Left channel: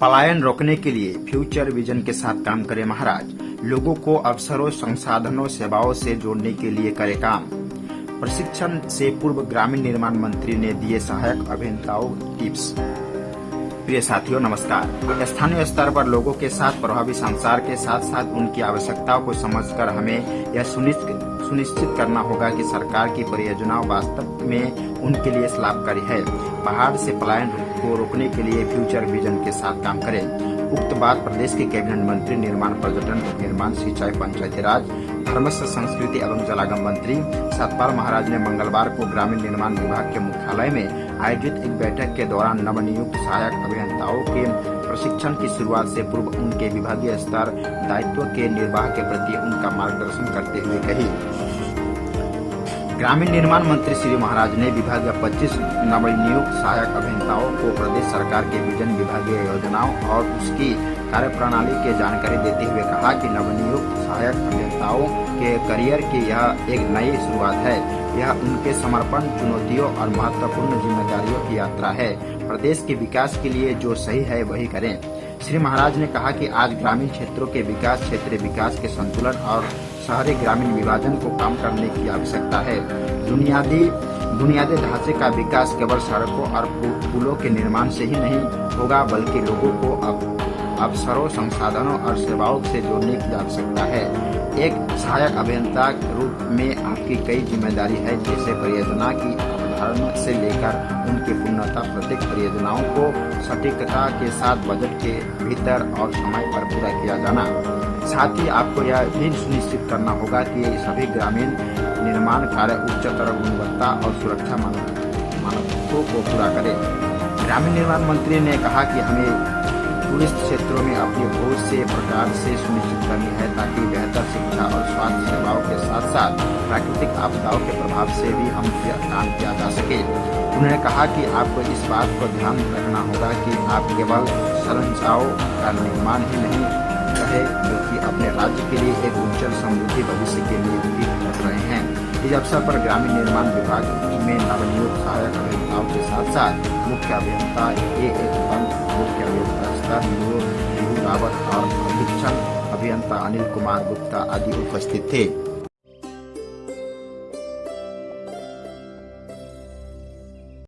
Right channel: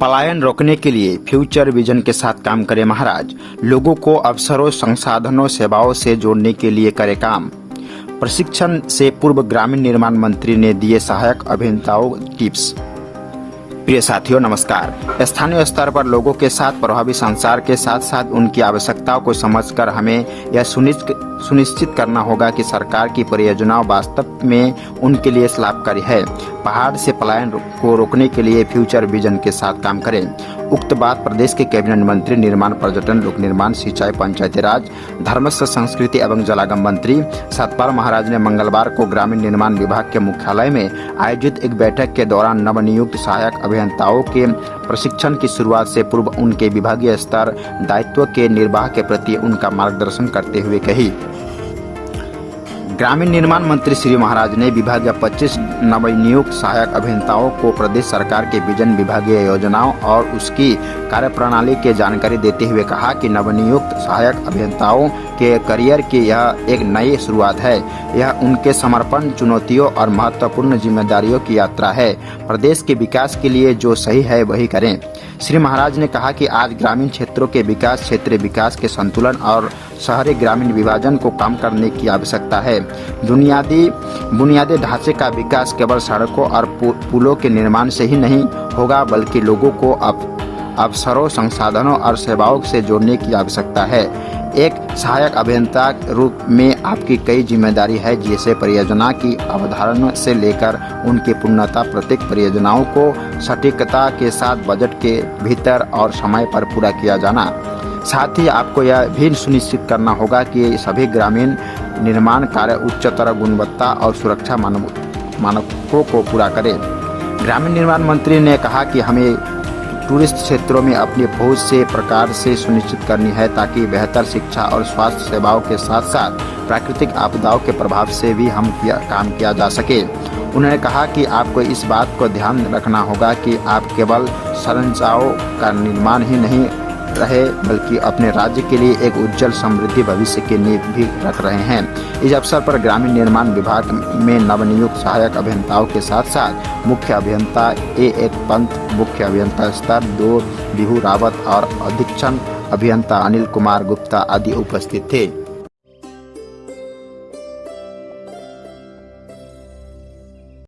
पलायन रोकने के लिए फ्यूचर विजन के साथ काम करे महाराज। लोगों को अवसरों, संसाधनों, सेवाओं से जोड़ने के लिए करे काम। प्रशिक्षण से पूर्व ग्रामीण निर्माण मंत्री ने दिए सहायक अभियंताओं टिप्स। प्रिय साथियों नमस्कार। स्थानीय स्तर पर लोगों के साथ प्रभावी संचार के साथ साथ उनकी आवश्यकताओं को समझकर हमें यह सुनिश्चित करना होगा कि सरकार की परियोजनाओं वास्तव में उनके लिए लाभकारी है। पहाड़ से पलायन को रोकने के लिए फ्यूचर विजन के साथ काम करें। उक्त बात प्रदेश के कैबिनेट मंत्री निर्माण, पर्यटन, लोक निर्माण, सिंचाई, पंचायती राज, धर्मस्व, संस्कृति एवं जलागम मंत्री सतपाल महाराज ने मंगलवार को ग्रामीण निर्माण विभाग के मुख्यालय में आयोजित एक बैठक के दौरान नवनियुक्त सहायक अभियंताओं के प्रशिक्षण की शुरुआत से पूर्व उनके विभागीय स्तर दायित्व के निर्वाह के प्रति उनका मार्गदर्शन करते हुए कही। ग्रामीण निर्माण मंत्री श्री महाराज ने विभागीय 25 नवनियुक्त सहायक अभियंताओं को प्रदेश सरकार के विजन, विभागीय योजनाओं और उसकी कार्यप्रणाली की जानकारी देते हुए कहा कि नवनियुक्त सहायक अभियंताओं के करियर की यह एक नई शुरुआत है। यह उनके समर्पण, चुनौतियों और महत्वपूर्ण जिम्मेदारियों की यात्रा है। प्रदेश के विकास के लिए जो सही है वही करें। श्री महाराज ने कहा कि आज ग्रामीण क्षेत्रों के विकास, क्षेत्रीय विकास के संतुलन और शहरी ग्रामीण विभाजन को कम करने की आवश्यकता है। बुनियादी ढांचे का विकास केवल सड़कों और पुलों के निर्माण से ही नहीं होगा, बल्कि लोगों को अवसरों, संसाधनों और सेवाओं से जोड़ने की आवश्यकता है। एक सहायक अभियंता के रूप में आपकी कई जिम्मेदारी है, जैसे परियोजना की अवधारणा से लेकर उनकी पूर्णता, प्रत्येक परियोजनाओं को सटीकता के साथ बजट के भीतर और समय पर पूरा किया जाना। साथ ही आपको यह भी सुनिश्चित करना होगा कि सभी ग्रामीण निर्माण कार्य उच्चतर गुणवत्ता और सुरक्षा मानकों को पूरा करें। ग्रामीण निर्माण मंत्री ने कहा कि हमें टूरिस्ट क्षेत्रों में अपनी पहुंच से प्रकार से सुनिश्चित करनी है, ताकि बेहतर शिक्षा और स्वास्थ्य सेवाओं के साथ साथ प्राकृतिक आपदाओं के प्रभाव से भी हम काम किया जा सके। उन्होंने कहा कि आपको इस बात को ध्यान रखना होगा कि आप केवल संरचनाओं का निर्माण ही नहीं रहे, बल्कि अपने राज्य के लिए एक उज्जवल समृद्धि भविष्य की नींव भी रख रहे हैं। इस अवसर पर ग्रामीण निर्माण विभाग में नवनियुक्त सहायक अभियंताओं के साथ साथ मुख्य अभियंता A1 पंत, मुख्य अभियंता स्तर 2 बिहू रावत और अधीक्षण अभियंता अनिल कुमार गुप्ता आदि उपस्थित थे।